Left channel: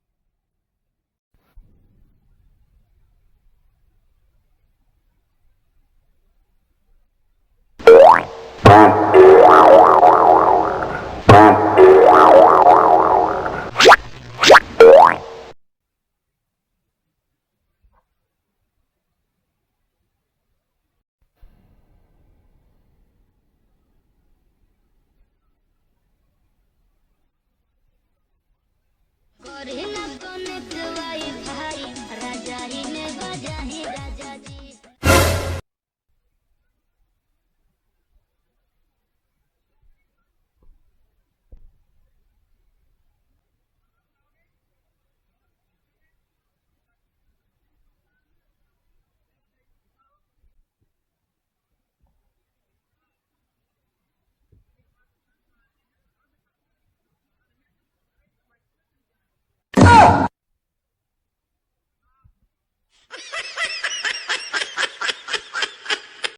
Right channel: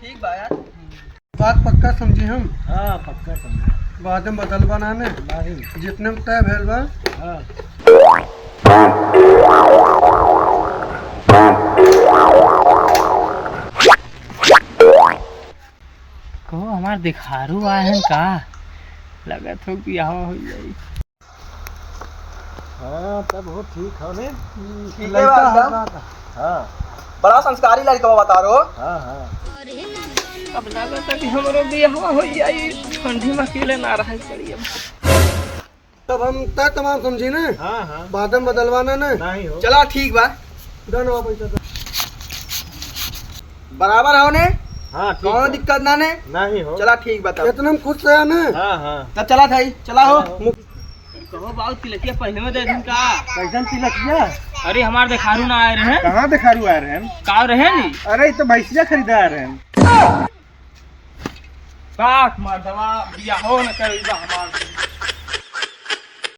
ठीक बा यार। बात पक्का समझी हम। हाँ पक्का समझे। बाद में बदल बनाने नहीं। जितने में तय भेल बा। हाँ को हमार दिखारू आए हैं का लगत हो कि यहाँ हो जाई। हाँ तब वो ठीक है ने। ठीक है लड़का बा है एकदम। हाँ बड़ा संस्कारी लड़का बता रहे हो। हाँ हाँ अब लगत है कि हमरो बियाह हो जाई। ठंडी में अकेले ना रह पड़ी अब। तब हम तय तमाम समझी ना। हाँ हाँ बाद में बदलवाना ना। नहीं हो। चला ठीक बा। डन हुआ पैसा तो। बराबर हो ने। हाँ ठीक कौनो है। दिक्कत ना ने। नहीं हो। चला ठीक बता। इतने में खुश रहा ना। हाँ हाँ तब चला था चला हो। चला हो। कहो बाबू तिलकिया पहले में दे दिन का। कैसन तिलकिया? अरे हमार दिखारू ना आए रहे। कहाँ दिखारू आ रहे हैं? का रहे नी। अरे ये तो भैंसिया खरीदा आ रहे हैं। काट मार दवा बियाह हो न करी बा हमार